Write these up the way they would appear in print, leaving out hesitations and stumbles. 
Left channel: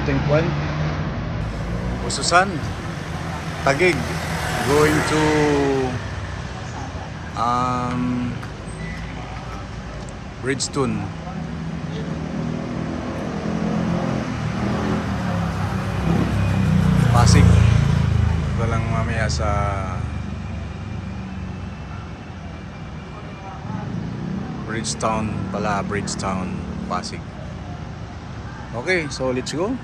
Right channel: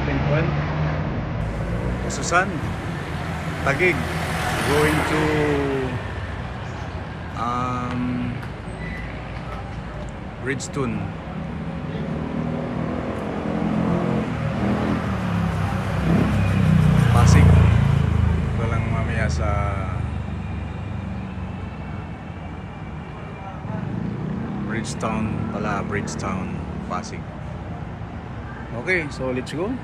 starting point. Ususan, Taguig, going to Bridgestone. Pasig. Ito lang mamaya sa Bridgetown, Pasig. Okay, so let's go.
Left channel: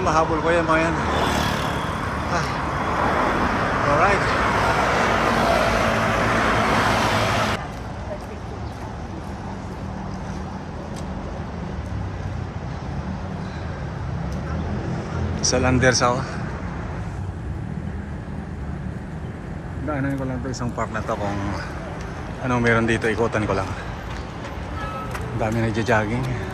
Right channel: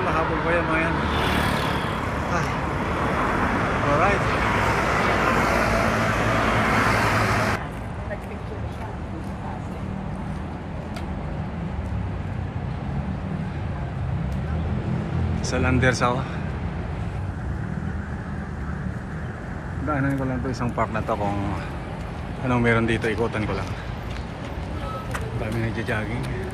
Mahabol ko yan mga yan. Alright. Sa Landers ako. Daanan ko lang to isang park na to kung anong meron dito, ikutan ko lang. Ang dami nagja-jogging.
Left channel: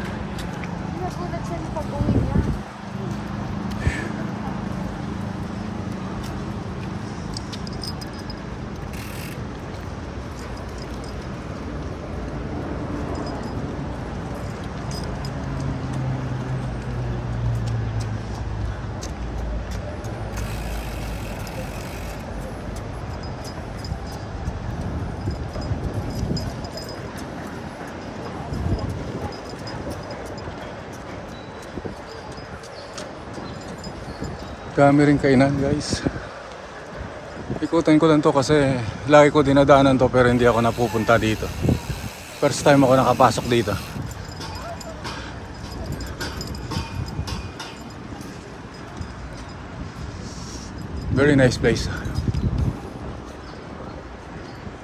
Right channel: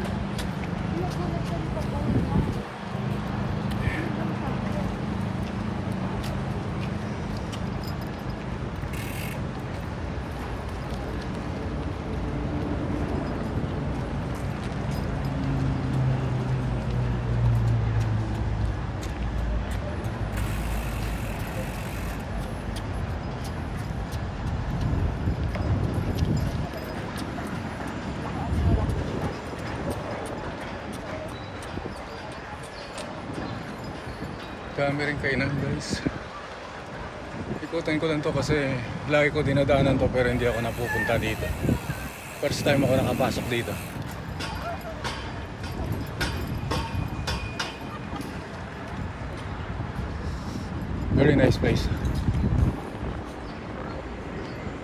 Dami rin kainan guys. Ikutan ko lang to kasi lagi ko dinadaanan to pero hindi ako napupunta dito. First time ako nakapasok dito. Very nice place.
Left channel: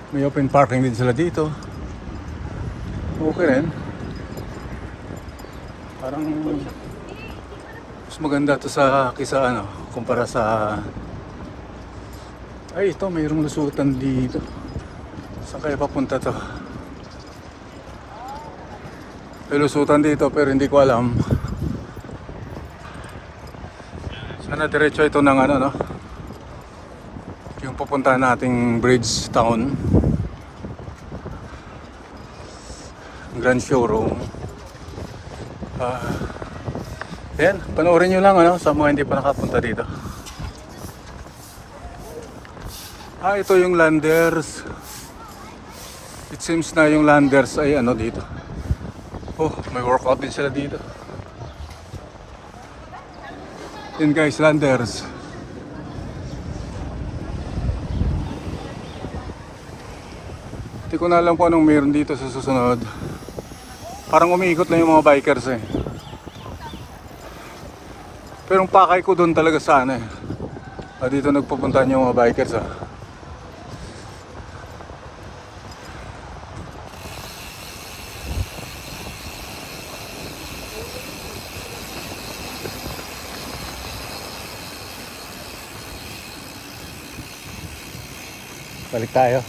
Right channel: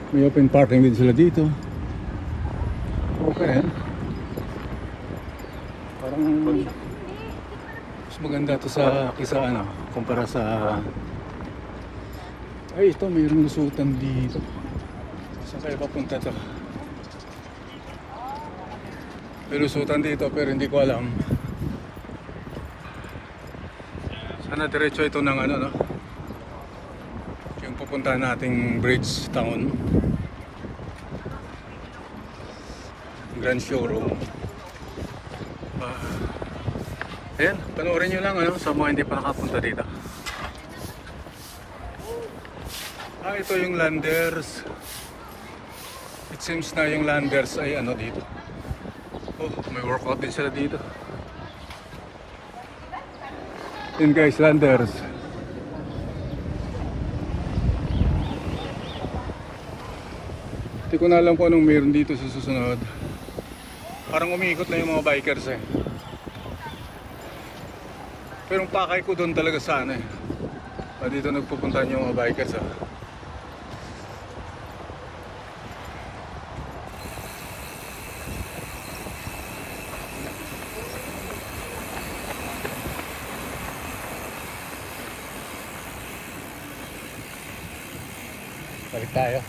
May open parking din sila dito. Okay rin. Parang mas maganda to sa kisa ano, kumpara sa ay ito mayroong lusutan dito. Saan kaya papunta to? May lusutan dito pero hindi ko alam. Sana diretso ito ng ano no? Yung pupuntahan nating Bridgetown Grand Showroom. Ayan, panoorin nyo lang ano, sa mga hindi pa nakapunta dito. Ito yung Landers. It seems na yung Landers ay ano dito. Oh, may workout din sila dito. Yan guys, Landers. Hindi ko na alam kung anong meron dito sa susunod. Parang umiikot na yung mga bikers eh. Pero ang pakay ko doon talaga sana eh. Dito nagpupunta yung mga bikers ah. Balik tayo.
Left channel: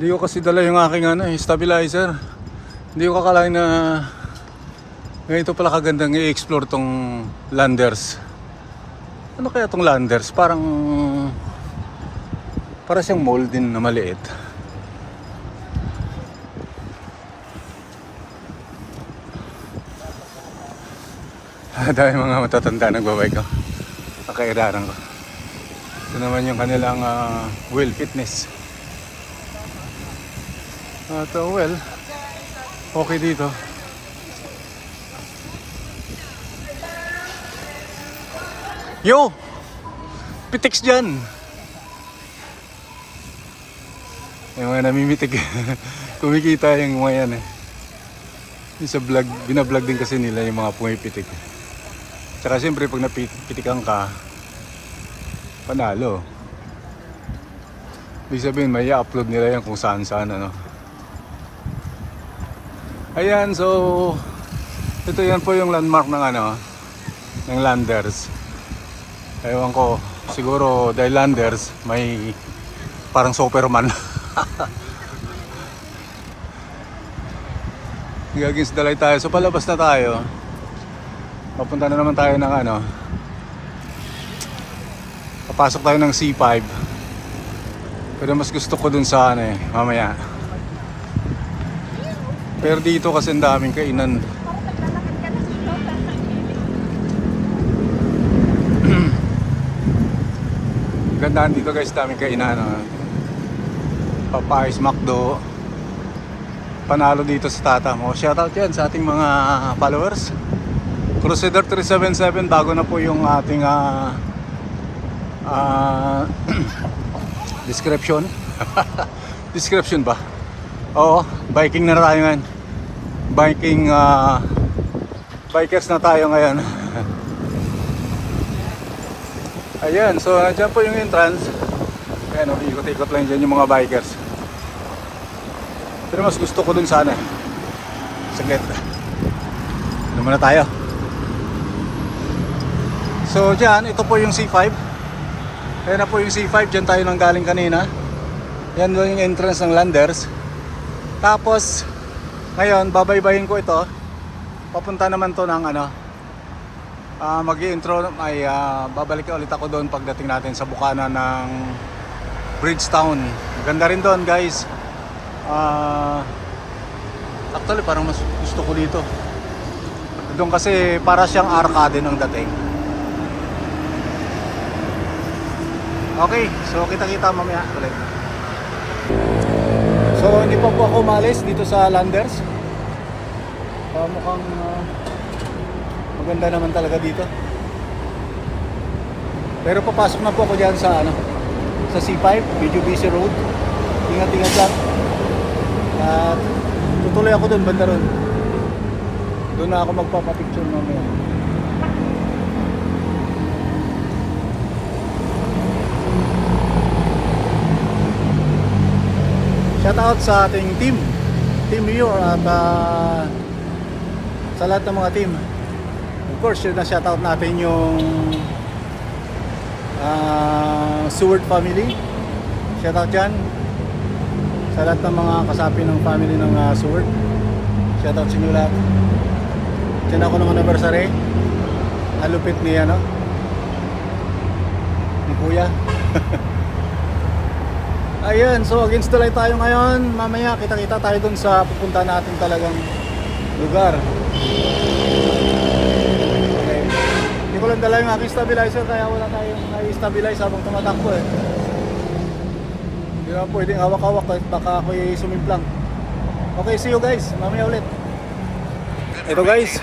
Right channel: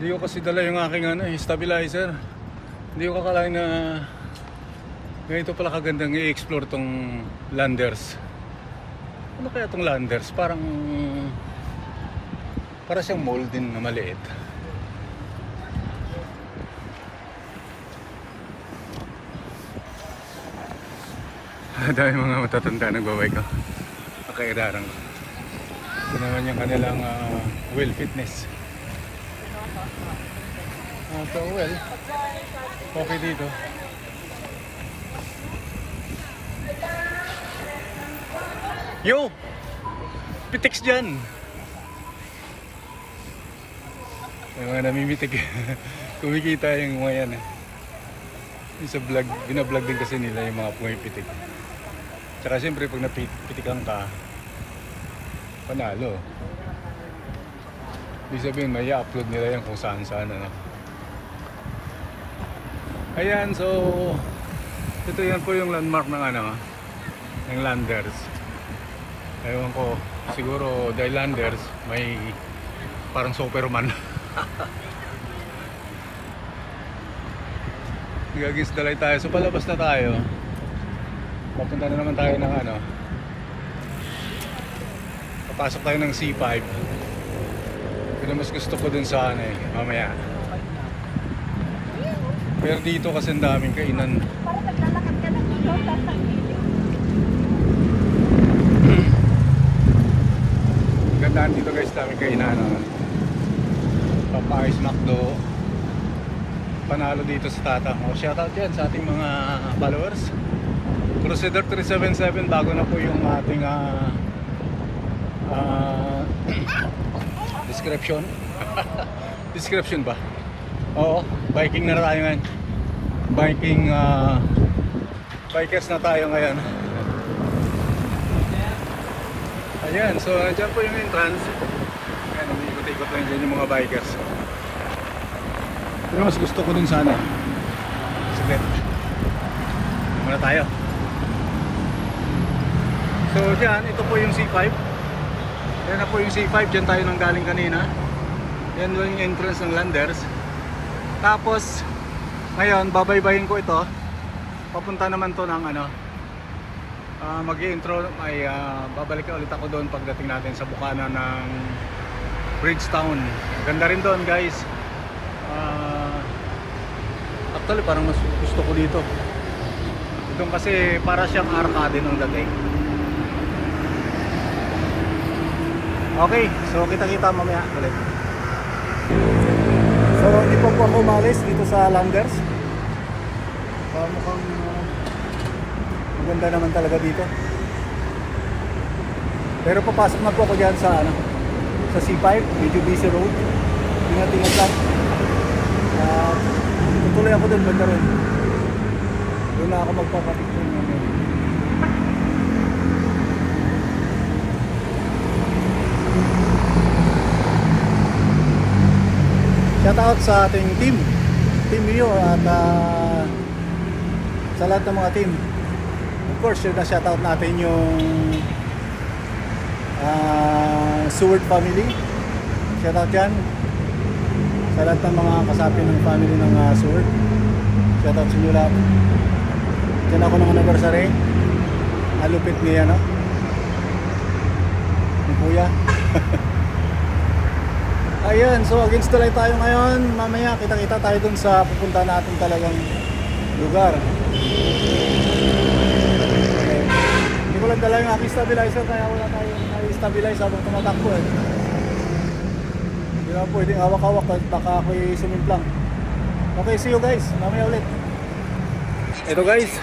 Hindi ko kasi dala yung aking ano, stabilizer. Hindi ko kakalain na ganito pala kagandang i-explore tong Landers. Ano kaya tong Landers? Para siyang mall din na maliit. Dahil mga matatanda nagbabay ko. Nakairaran ko. Ito naman yung kanilang Well Fitness. Well, okay dito. Yo! Pitix dyan. Yung mga namimitig. Kumikita yung mga yan eh. Yung sa vlog, binablog din kasi nila yung mga pumipitik. Tsaka siyempre pag napitikan ka, panalo. Ibig sabihin may i-upload nila yan kung saan saan ano. Ayan, so ito yan po yung landmark ng ano, ng Landers. Ewan ko, siguro dahil Landers may parang Superman. Gagins dalay tayo, so palabas na tayo. Papunta na naman tayo ng ano, papasok tayo ng C5. Pero mas gusto ko dun sa ano eh, mamaya. Pero dito kasi ang daming kainan. Gandaan dito guys, daming kainan. Popeyes, McDo. Panalo dito sa Tatang. O shoutout yan sa ating mga followers. Crusader 377, bago na po yung ating description. Description ba? Oo, biking na tayo ngayon. Biking, bikers na tayo ngayon. Ayan, so nandiyan po yung entrance. Ayan, ikot-ikot lang dyan yung mga bikers. Pero mas gusto ko dun sana. Saglit. Ano muna tayo? So dyan, ito po yung C5. Ayan na po yung C5, dyan tayo nang galing kanina. Yan po yung entrance ng Landers. Tapos ngayon babaybayin ko ito. Papunta naman to ng ano, mag-i-intro, may babalik ulit ako doon pagdating natin sa bukana ng Bridgetown. Ganda rin doon guys. Actually parang mas gusto ko dito. Doon kasi para siyang arcade ng dating. Okay, so kita-kita mamaya ulit. So hindi pa po ako umalis dito sa Landers. Mukhang maganda naman talaga dito. Pero papasok na po ako dyan sa ano, sa C5, medyo busy road. Ingat-ingat lang. Tutuloy ako dun, banda ron. Doon na ako magpapapicture mamaya. Shoutout sa ating team Mayor at sa lahat ng mga team. Of course, na shoutout natin yung Seward family. Shoutout dyan sa lahat ng mga kasapi ng family ng Seward. Shoutout sa inyo lahat. Dyan ako ng anniversary. Alupit ni ano, ni Kuya. Ayan, so against the light tayo ngayon. Mamaya kita-kita tayo dun sa pupunta natin talagang lugar. Okay. Hindi ko lang dala yung aking stabilizer, kaya wala tayong i-stabilize habang tumatakbo eh. Hindi na pwedeng hawak-hawak kahit baka ako'y sumimplang. Okay, see you guys. Mamaya ulit. Ito guys,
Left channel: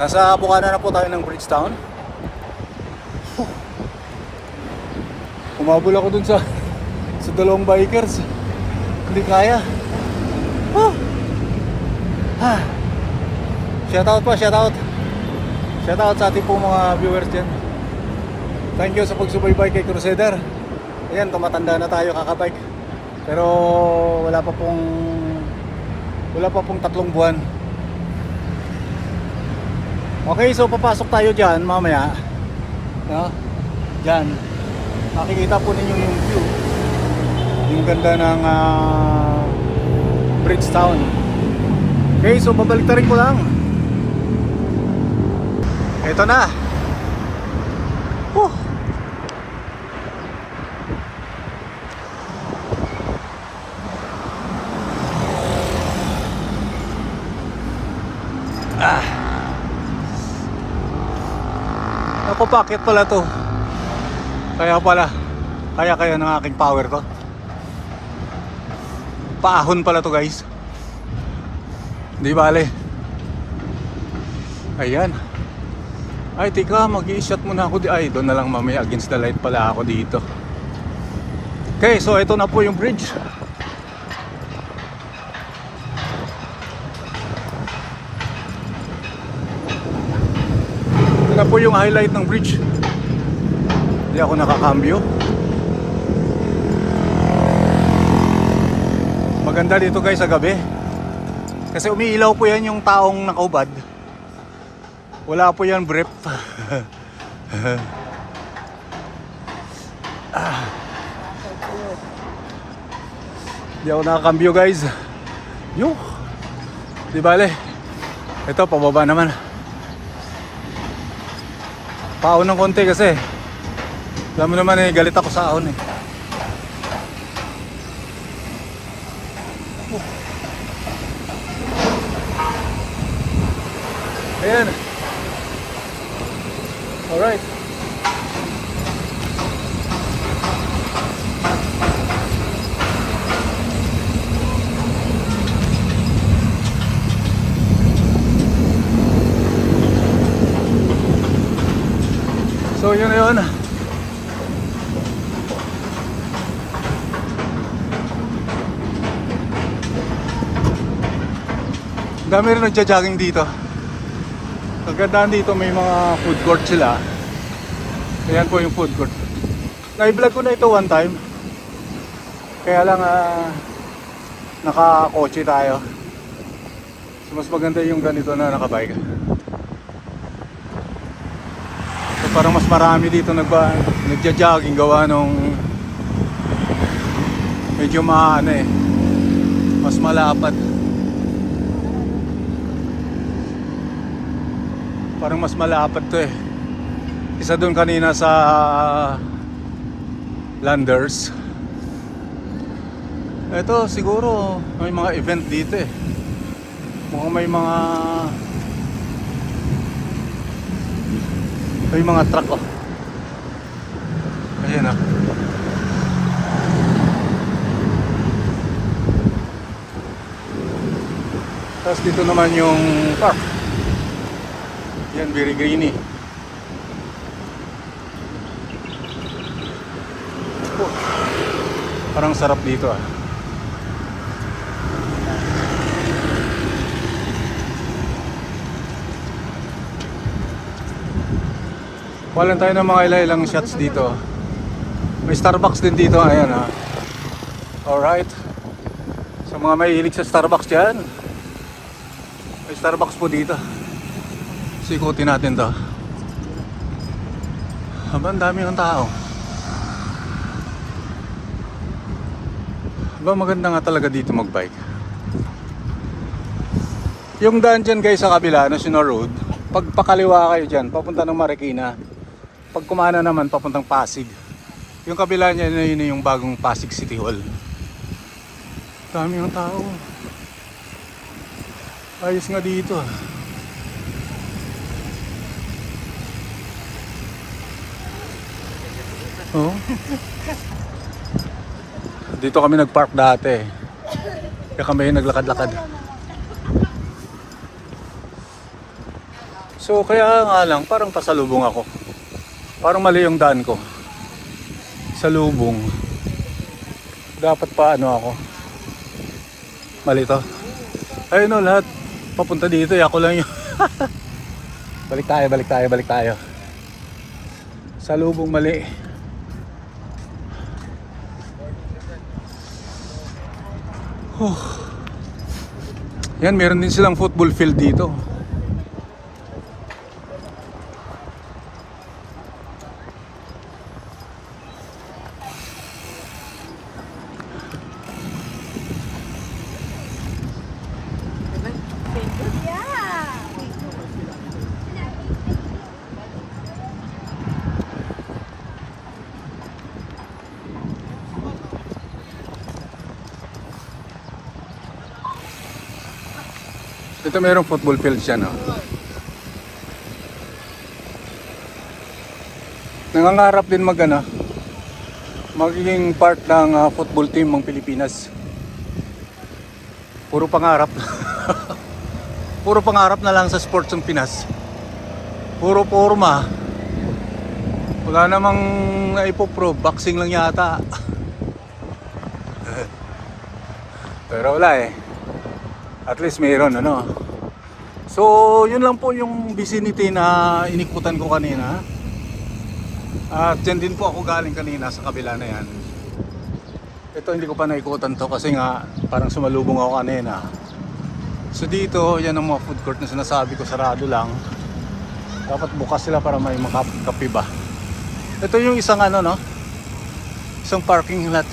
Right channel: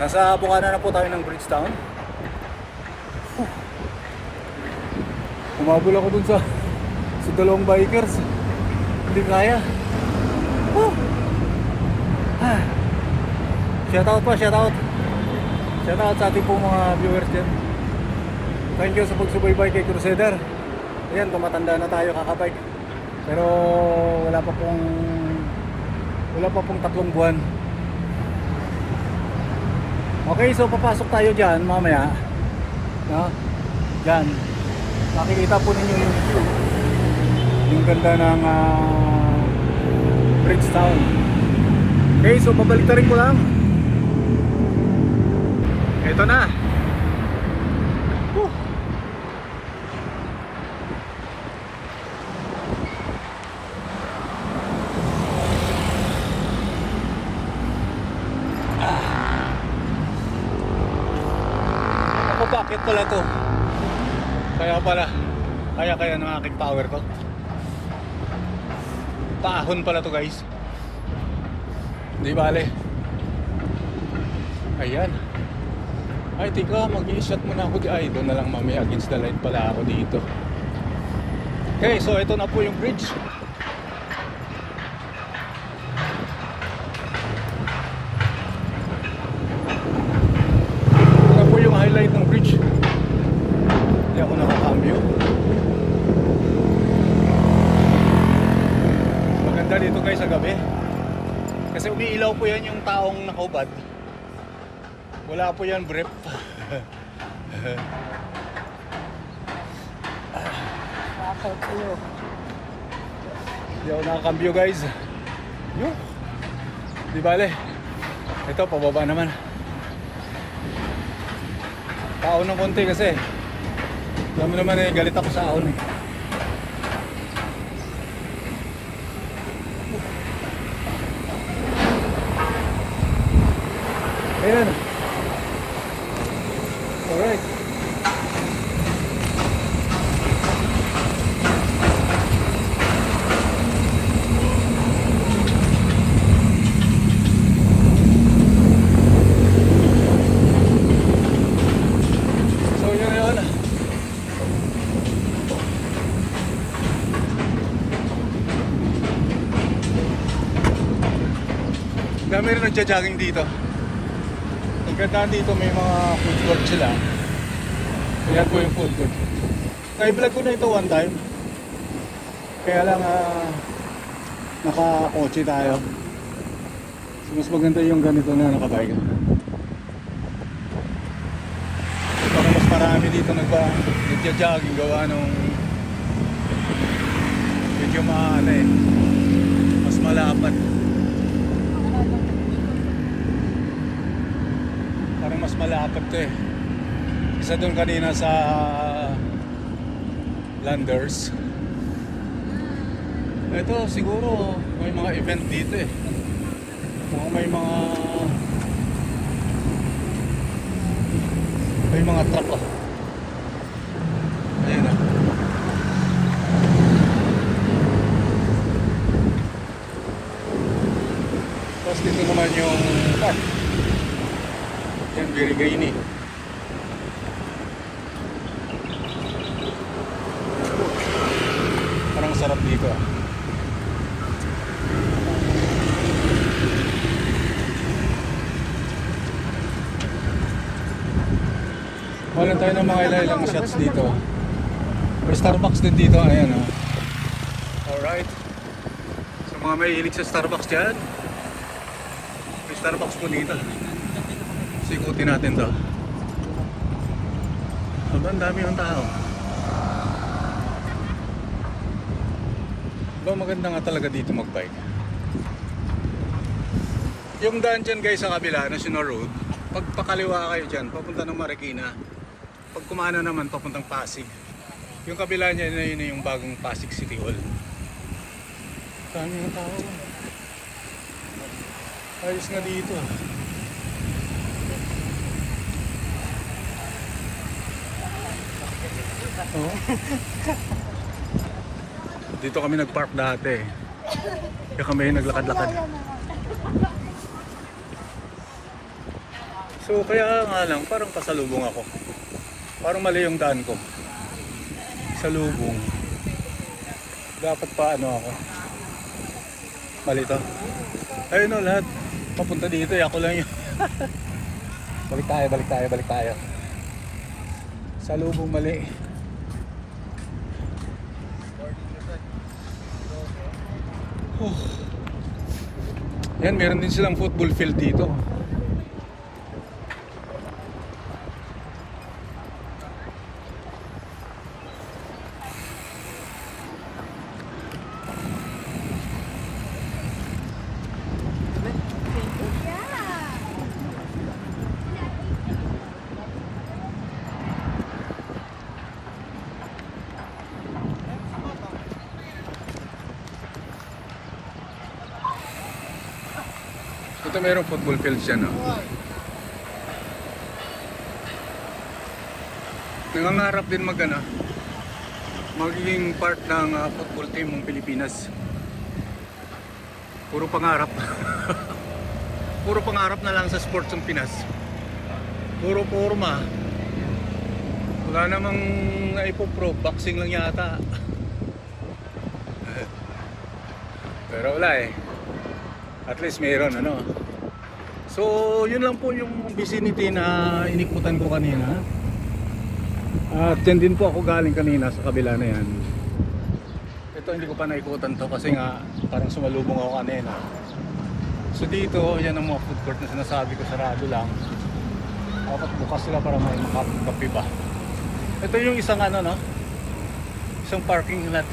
nasa bukana na po tayo ng Bridgetown. Umabol ako dun sa dalawang bikers. Hindi kaya. Shoutout po, shoutout. Shoutout sa ating pong mga viewers dyan. Thank you sa pagsubaybay kay Crusader. Ayan, tumatanda na tayo kakabike. Pero wala pa pong 3 buwan. Okay, so papasok tayo dyan mamaya. No? Dyan. Makikita po ninyo yung view. Yung ganda ng Bridgetown. Okay, so babalik na rin ko lang. Ito na. Ako bakit pala to? Kaya ng aking power to. Paahon pala to guys. Hindi bale. Ayan. Ay, tika, mag-i-shot muna ako. Ay, doon na lang mamaya. Against the light pala ako dito. Okay, so ito na po yung bridge. Ito na po yung highlight ng bridge. Hindi ako nakakambyo. Maganda dito guys sa gabi. Kasi umiilaw po yan yung taong nakaubad. Wala po yan brief. Hindi ako nakakambyo guys. Yuh. Di bale. Ito pababa naman. Paon ng konti kasi. Alam mo naman eh, galit ako sa ahon eh. Ayan. Alright. So yun na yun. Dami rin nagja-jogging dito. Kagandaan dito, may mga food court sila. Ayan po yung food court. Na-vlog ko na ito one time. Kaya lang naka-kotse tayo. So mas maganda yung ganito na nakabike. So parang mas marami dito nagja-jogging gawa nung medyo mas malapad. Parang mas malapad to eh. Isa doon kanina sa Landers. Ito siguro may mga event dito eh. May mga truck oh. Ayan ah. Tapos dito naman yung park. Yan, very greeny. Parang sarap dito ah. Wala tayo ng mga ilang shots dito. May Starbucks din dito, ayan ah. Alright. Sa mga mahilig sa Starbucks dyan, may Starbucks po dito. Sikutin natin to. Aba, ang dami ng tao. Aba, maganda nga talaga dito magbike. Yung daan dyan guys sa kabila, National Road, pag pakaliwa kayo dyan, papunta ng Marikina. Pag kumana naman, papuntang Pasig. Yung kabila niya, yun yung bagong Pasig City Hall. Dami ng tao. Ayos na dito. Oh. Dito kami nagpark dati. Kaya kami naglakad-lakad. So kaya nga lang, parang pasalubong ako. Parang mali yung daan ko. Salubong. Dapat pa ano ako. Mali to. Ayun o, lahat papunta dito. Ako lang yung balik tayo. Salubong mali. Yan, meron din silang football field dito. Ito mayroong football field siya, no? Nangangarap din magiging part ng football team ng Pilipinas. Puro pangarap. Puro pangarap na lang sa sports ng Pinas. Puro forma. Wala namang naipoprove. Boxing lang yata. Pero wala eh. At least mayroon ano. So yun lang po yung vicinity na inikutan ko kanina. At dyan din po ako galing kanina sa kabila na yan. Ito hindi ko pa naikutan to kasi nga parang sumalubong ako kanina. So dito yan ang mga food court na sinasabi ko, sarado lang. Dapat bukas sila para may makakape ba. Ito yung isang ano no, isang parking lot.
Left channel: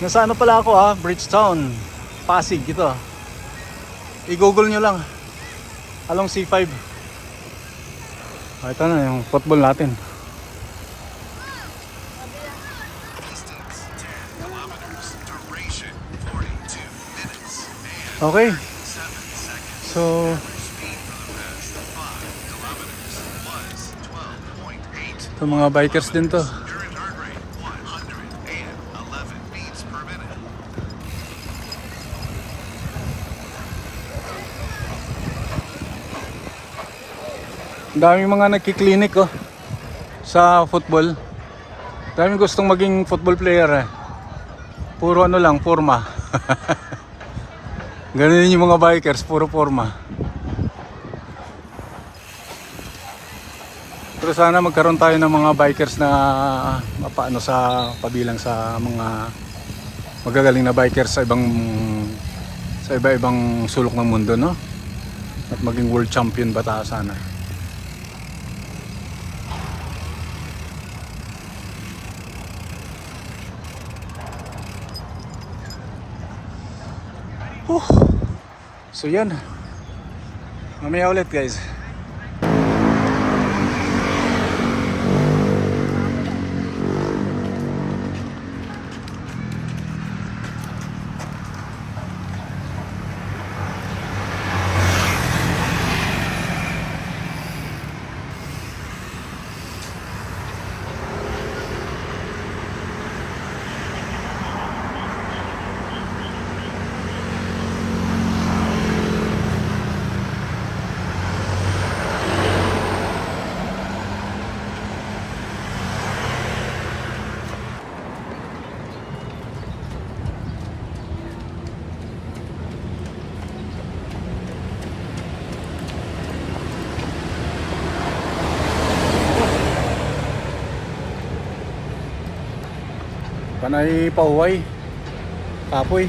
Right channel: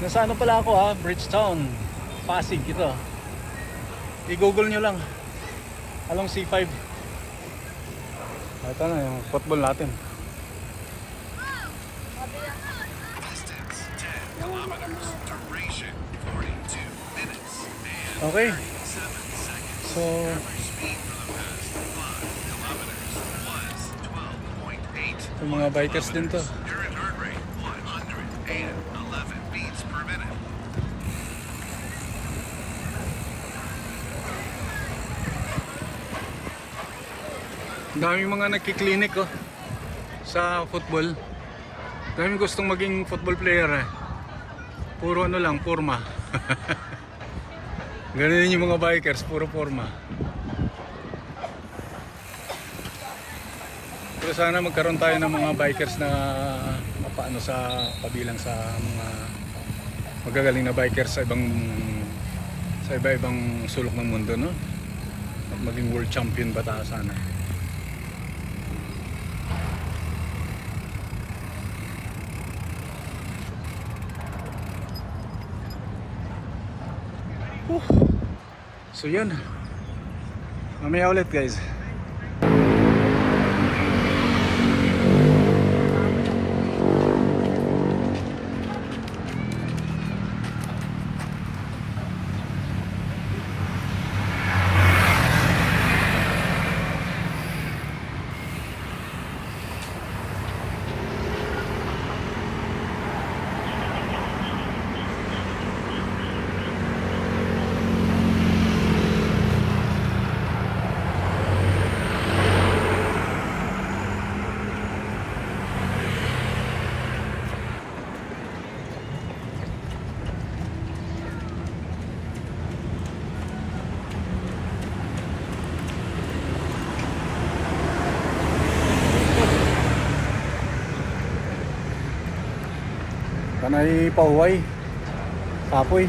Nasa ano pala ako ha, Bridgetown, Pasig ito. I-google nyo lang, along C5. Ito na yung football natin. Okay. So ito mga bikers din to. Daming mga nagki-clinic oh, sa football. Daming gustong maging football player eh. Puro ano lang, forma. Ganun yung mga bikers, puro forma. Pero sana magkaroon tayo ng mga bikers na mapaano sa pabilang sa mga magagaling na bikers sa iba-ibang sulok ng mundo no. At maging world champion ba tayo sana. So yan. Mamaya ulit guys. Panay pauway, kapoy.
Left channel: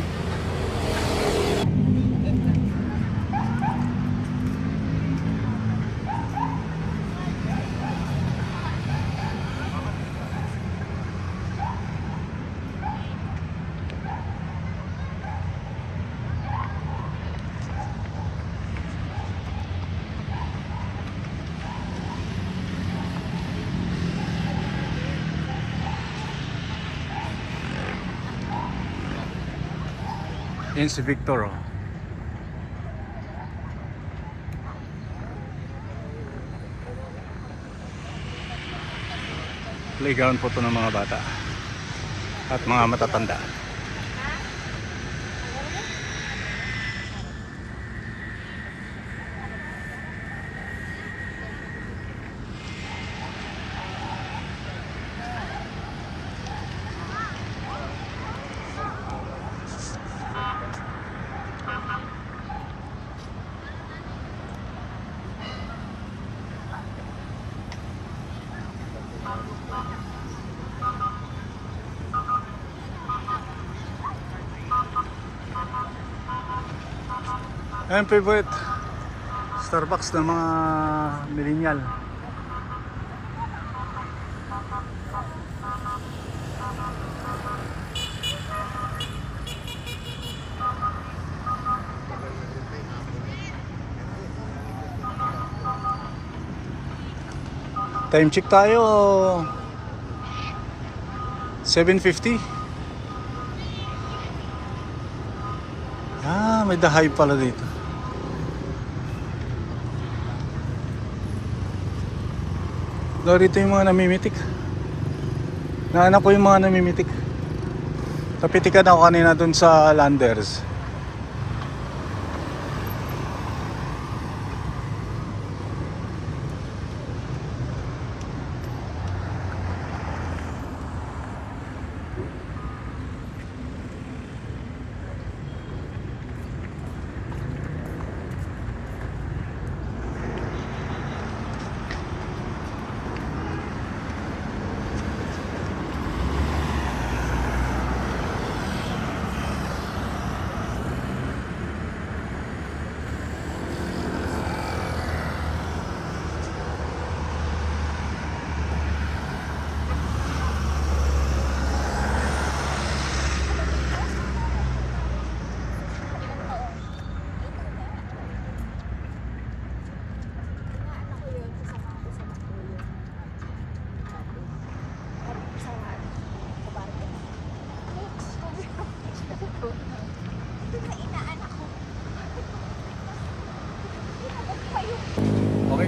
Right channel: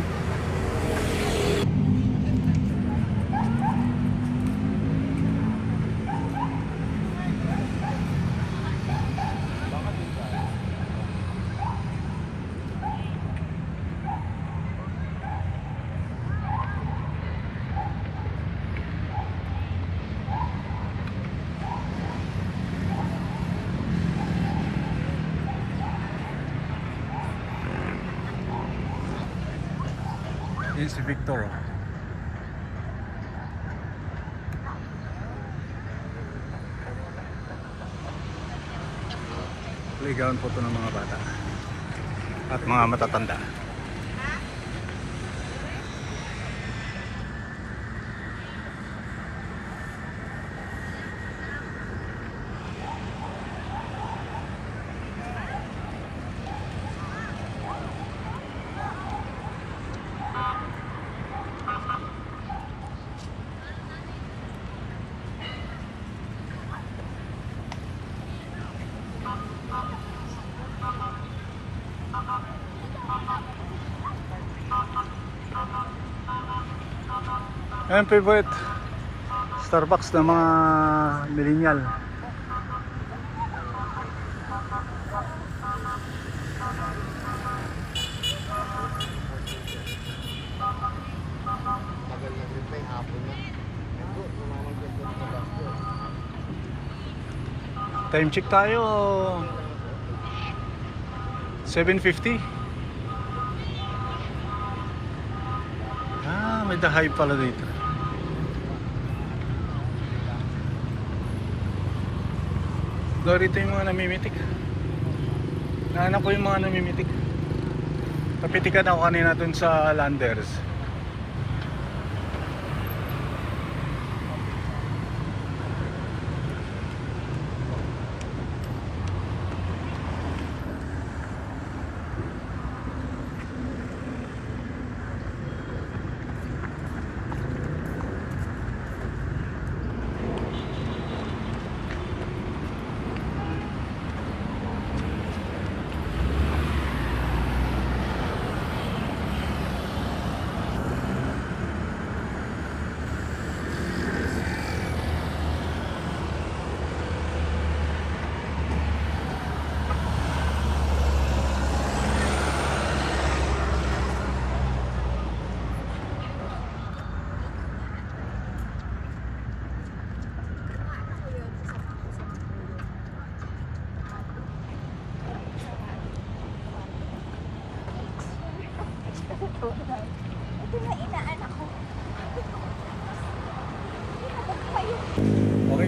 Yan si Victor oh. Playground po ito ng mga bata at mga matatanda. Ayan favorite Starbucks ng mga millennial. Time check tayo 7:50. May The Hive pala dito. Narito yung mga namimitik. Nahanap ko yung mga namimitik. Napitikan ako kanina dun sa Landers.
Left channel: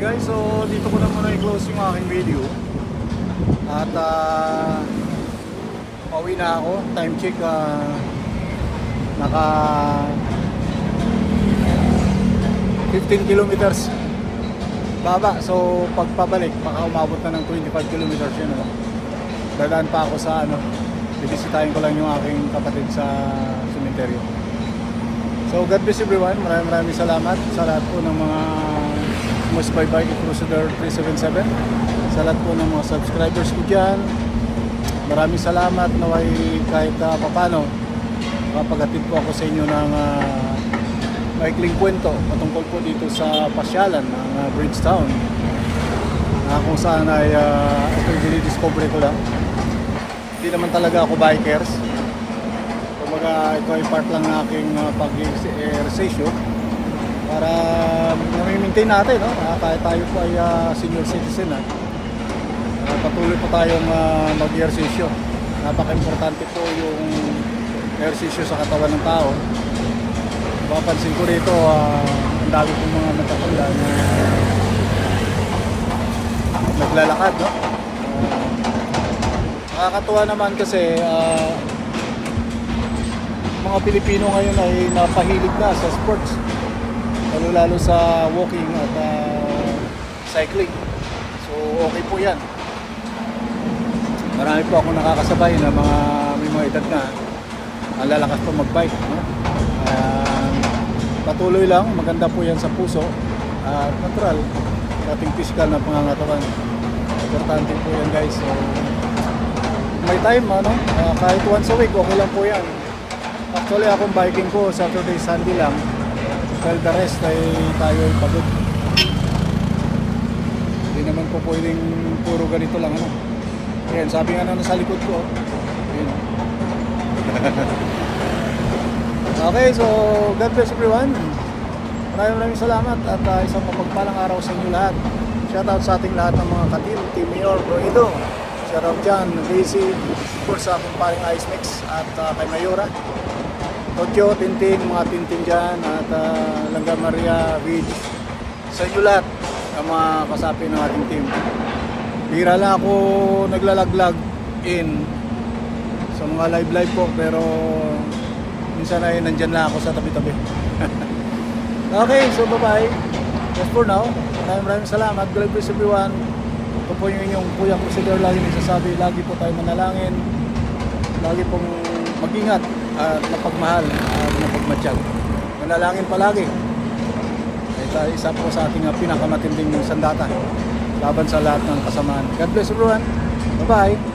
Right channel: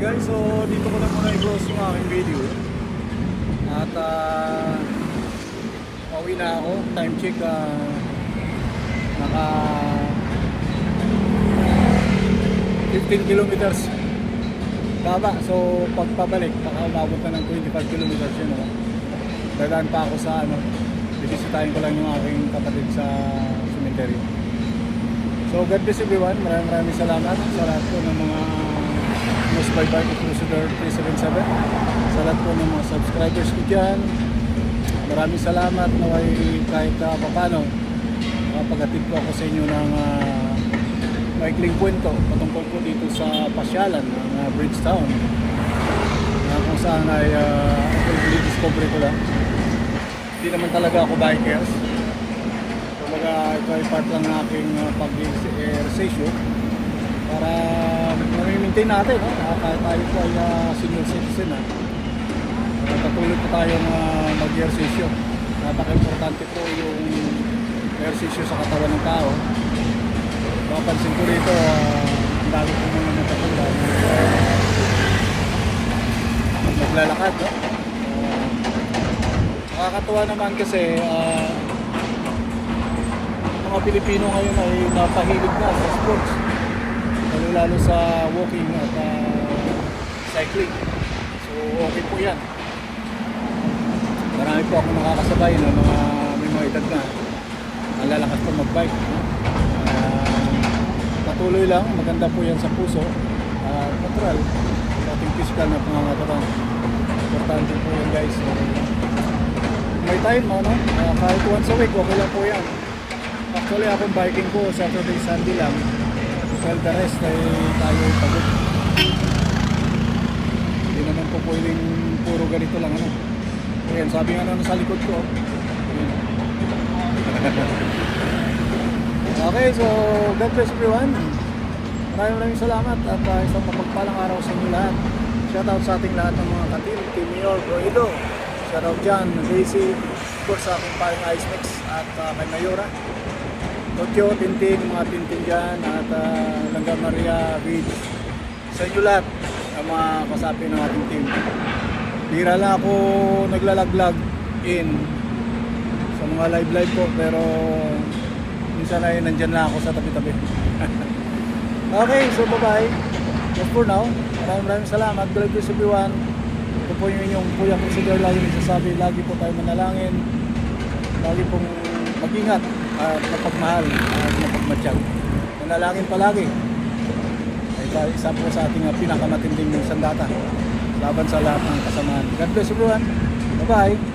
guys, so dito ko na muna i-close yung aking video. At pauwi na ako. Time check, naka 15 kilometers baba. So pagpabalik, baka umabot na ng 25 kilometers yun. Dadaan pa ako sa bibisitahin ko lang yung aking kapatid sa sementeryo. So God bless everyone. Maraming salamat sa lahat po ng mga Most by Bike Crusader 377, sa lahat po ng mga subscribers ko dyan. Maraming salamat na kahit papano makapaghatid po ako sa inyo ng maikling kwento patungkol po dito sa pasyalan ng Bridgetown, na kung saan ay ito discover ko lang. Hindi naman talaga ako bikers. Kumbaga ito ay part lang ng aking pag-exercise para nami-maintain natin, kahit tayo po ay senior citizen, patuloy po tayong mag-ehersisyo. Napaka-importante po yung ehersisyo sa katawan ng tao. Papansin ko rito, ang dami pong mga matatanda na naglalakad, nakakatuwa naman kasi mga Pilipino ngayon ay napahilig na sa sports, lalo sa walking at cycling. So okay po yan. Marami po ako nakakasabay na may mga edad na ang lalakas po magbike, patuloy lang, maganda po yan sa puso at natural sa ating physical na pangangatawan. Importante po yan guys. So may time, kahit once a week okay lang po yan. Actually akong biking ko Saturday, Sunday lang. Well, the rest ay tayo ay pagod. Hindi naman po pwedeng puro ganito lang. Ayan, sabi nga sa likod ko. Ayan. Okay, so God bless everyone. Maraming salamat at isang mapagpalang araw sa inyo lahat. Shoutout sa ating lahat ng mga ka-team, Team Mayor, Bro Edo. Shoutout dyan, Daisy, of course sa aking paring Ice Mix at kay Mayora. Tokyo, Tintin, mga Tintin dyan, at Langga Maria, Vids, sa inyo lahat ang mga kasapi ng ating team. Bihira lang ako naglalaglag in sa mga live po, pero minsan ay nandyan lang ako sa tabi-tabi. Okay, so bye-bye. Just for now, maraming salamat. God bless everyone. Ito po yung inyong Kuya Crusader lagi nagsasabi, lagi po tayo manalangin, lagi pong mag-ingat at mapagmahal at mapagmatsyag. Manalangin palagi. Isa po sa ating pinakamatinding sandata laban sa lahat ng kasamaan. God bless everyone. Bye-bye.